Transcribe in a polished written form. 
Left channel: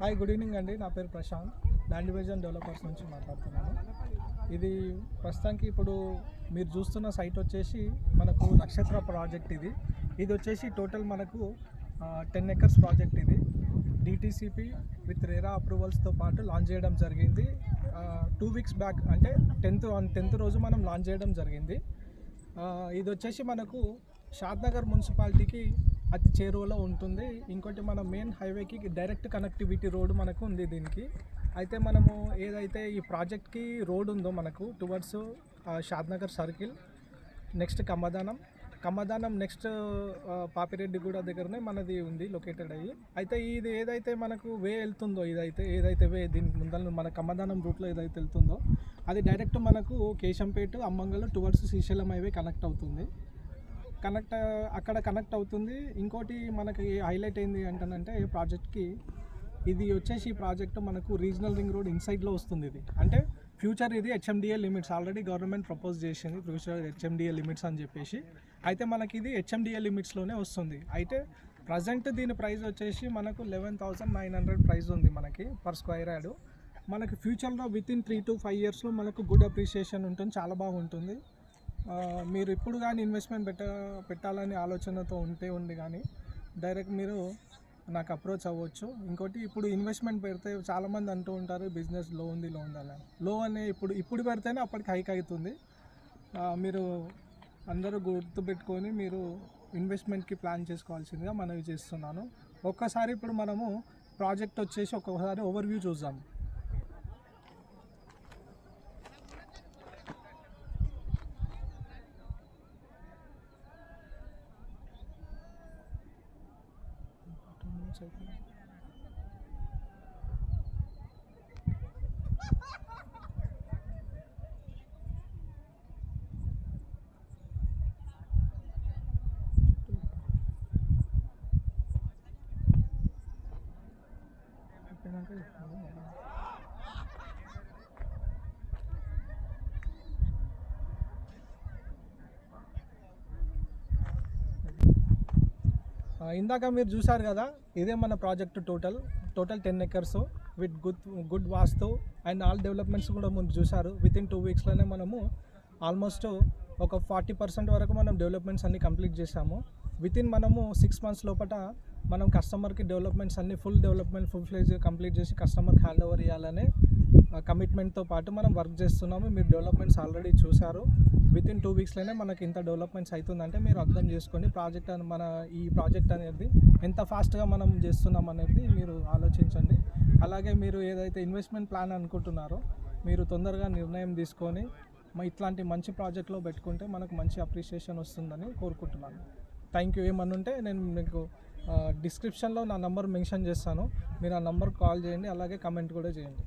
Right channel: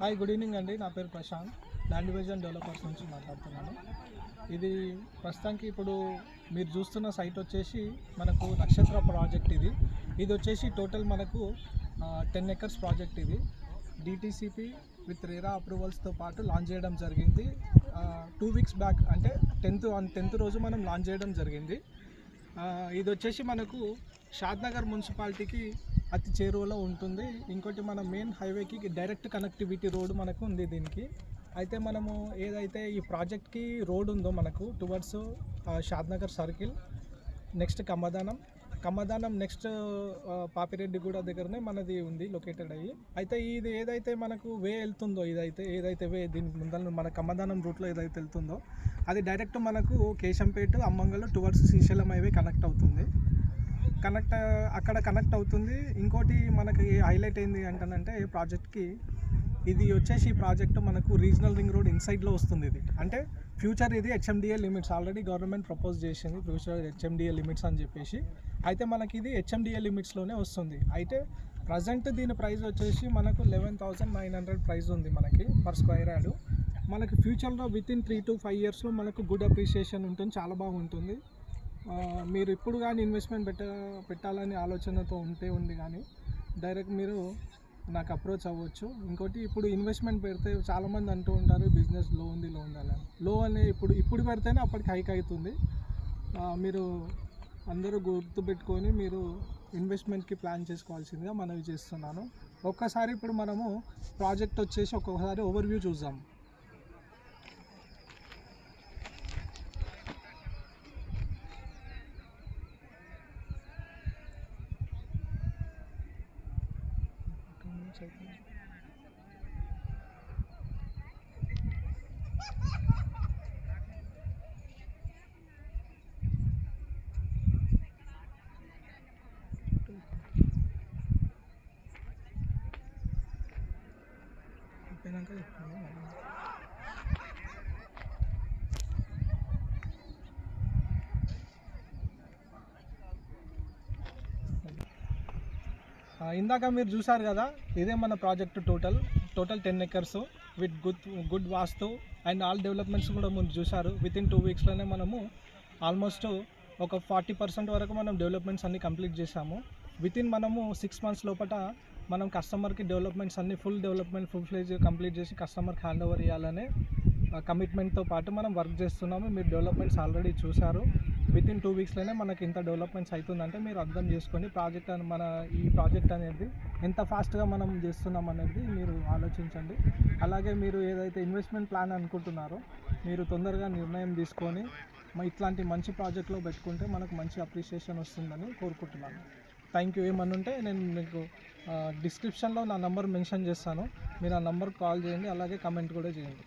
Hi, good evening అండి. నా పేరు ప్రశాంత్, ల్యాండ్ డివిజన్ డెవలపర్స్ నుంచి మాట్లాడుతున్నాను. ఇది ప్రస్తుతానికి ఇప్పుడు మీరు చూస్తున్న సైట్ వచ్చేసి మనకు నక్షత్ర ప్రాజెక్ట్. ఇది వచ్చేసి టోటల్ మనకు 10 acres ప్రాజెక్ట్. ఇది డిటీసీపీ విత్ రేరా అప్రూవల్స్తో పాటు లాంచ్ చేయడం జరిగింది. 2 weeks బ్యాక్, అంటే 10th రోజు మనం లాంచ్ చేయడం జరిగింది. ఇది వచ్చేసి మనకు షాద్నగర్ మున్సిపాలిటీకి అతి చేరువలో ఉంటుంది. ఇంకోటి మన మెయిన్ హైవేకి డైరెక్ట్ కనెక్టివిటీ రోడ్ మనకు ఉంది దీనికి. అయితే మనము ఏదైతే ఈ ప్రాజెక్ట్కి రోడ్ ఉందో మనకు towards Shadnagar circle, next Kammadanam next Papireddyguda దగ్గరనే మనది ఉంది లొకేటెడ్ అయ్యి. అయితే ఇది ఏదైతే మనకు వే వెళ్తుందో, ఏదైతే వే దీనికి ముందర మన కమ్మదానం రూట్లో ఏదైతే వెళ్తుందో అది డైరెక్ట్ మనకు కేశంపేట, అమ్మంగల్ టువర్డ్స్ శ్రీశైలం హైవే అక్కడ కనెక్ట్ అవుతుంది. ఇంకోటి మనకి హైలైట్ ఏంది అంటానంటే ప్రాజెక్ట్కి, ఇది వచ్చేసి ప్రాజెక్టు మనకు రీజనల్ రింగ్ రోడ్ ఇన్సైడ్లో వస్తుంది. ఇది అంటే ఫ్యూచర్ ఇది HMDA limits already government propose చేసింది, ఫ్యూచర్ HMDA లిమిట్స్ అని చెప్పేసి. అయితే మనకి ఇది HMDA లిమిట్స్లోనే వస్తుంది. అయితే ప్రజెంట్ దీని ప్రైస్ వచ్చేసి మనకు 11,900 ప్రైస్ ఉంది మనకి పర్ స్క్వేర్ యార్డ్. మనకి ఫ్యూచర్లో వితిన్ 3 to 5 yearsలో మనకు గుడ్ అప్రిషియేషన్ ఉంటుంది, చాలా బాగుంటుంది. మీరు ఇప్పుడు కానీ ఇన్వెస్ట్మెంట్ పెట్టాలని ఆలోచనతో ఉంది కానీ డైరెక్ట్ మీరు నాకు అప్రోచ్ అవ్వచ్చు. ఇంకోటి, ఇప్పుడు ఇన్వెస్ట్మెంట్ పెడితే చాలామంది అంటూ ఉంటారు బిజినెస్ లో ఉంది అని. లో అనే ఇప్పుడు పెడితేనే అప్పటికి హైక్ అవుతుంది. మీరు అందరూ గుర్తుపెట్టుకొని మీరు ఇన్వెస్ట్మెంట్కి ప్లాన్ చేసుకోవాల్సిందిగా మనవి చేస్తున్నాను. ఒక్కసారి ఇప్పుడు మనము ప్రాజెక్ట్ వచ్చేసి ఒక్కొక్కసారి ఓవర్వ్యూ చూద్దాం. ఇందాక మీరు చూసారు కదా, ఇదే మన project total 10 acres with good vastu and all developments కూడా ముందు చూసారు. వితిన్ 2 weeksలోనే మనము ఆల్మోస్ట్ ఒక 40% వరకు మనం డెవలప్మెంట్స్ అన్నీ కంప్లీట్ చేసాము. వితిన్ మనము 6 months లోపల మనం కస్టమర్కి డెవలప్మెంట్స్ అన్నీ ఫుల్ ఫ్లెజ్ కంప్లీట్ చేసి కస్టమర్కి హ్యాండ్ ఓవర్ ఇవ్వాలనే కమిట్మెంట్తో పాటు మనం వర్క్ చేస్తున్నాము. మీరు డెవలప్మెంట్స్ ఆల్రెడీ చూసారు. వితిన్ 2 weeksలోనే మనకి ఇంత డెవలప్మెంట్స్ అవుతుందంటే మీరు అర్థం చేసుకోండి ఈ ప్రాజెక్ట్ అనేది ఎంత ఫాస్ట్గా మనం చేస్తున్నాం అనేది మీరు ఆలోచించండి. అలాగే మీరు ఏదైతే ఇన్వెస్ట్మెంట్ ప్లాన్ అనుకుంటున్నారో మీరు తొందరగా నిర్ణయం తీసుకొని ఇట్లాంటి మంచి ప్రాజెక్ట్లో పెట్టుకుంటే మనకు మంచి అప్రిషియేషన్ వస్తుందని కోరుకుంటున్నాను. Thank you. ఏమన్నా ఉంటే నేను మీకు డిస్క్రిప్షన్లో నా నంబర్ మెన్షన్ చేస్తాను, మీరు ఆ నంబర్కి కాల్ చేయండి, అలాగే కమెంట్ కూడా చేయండి.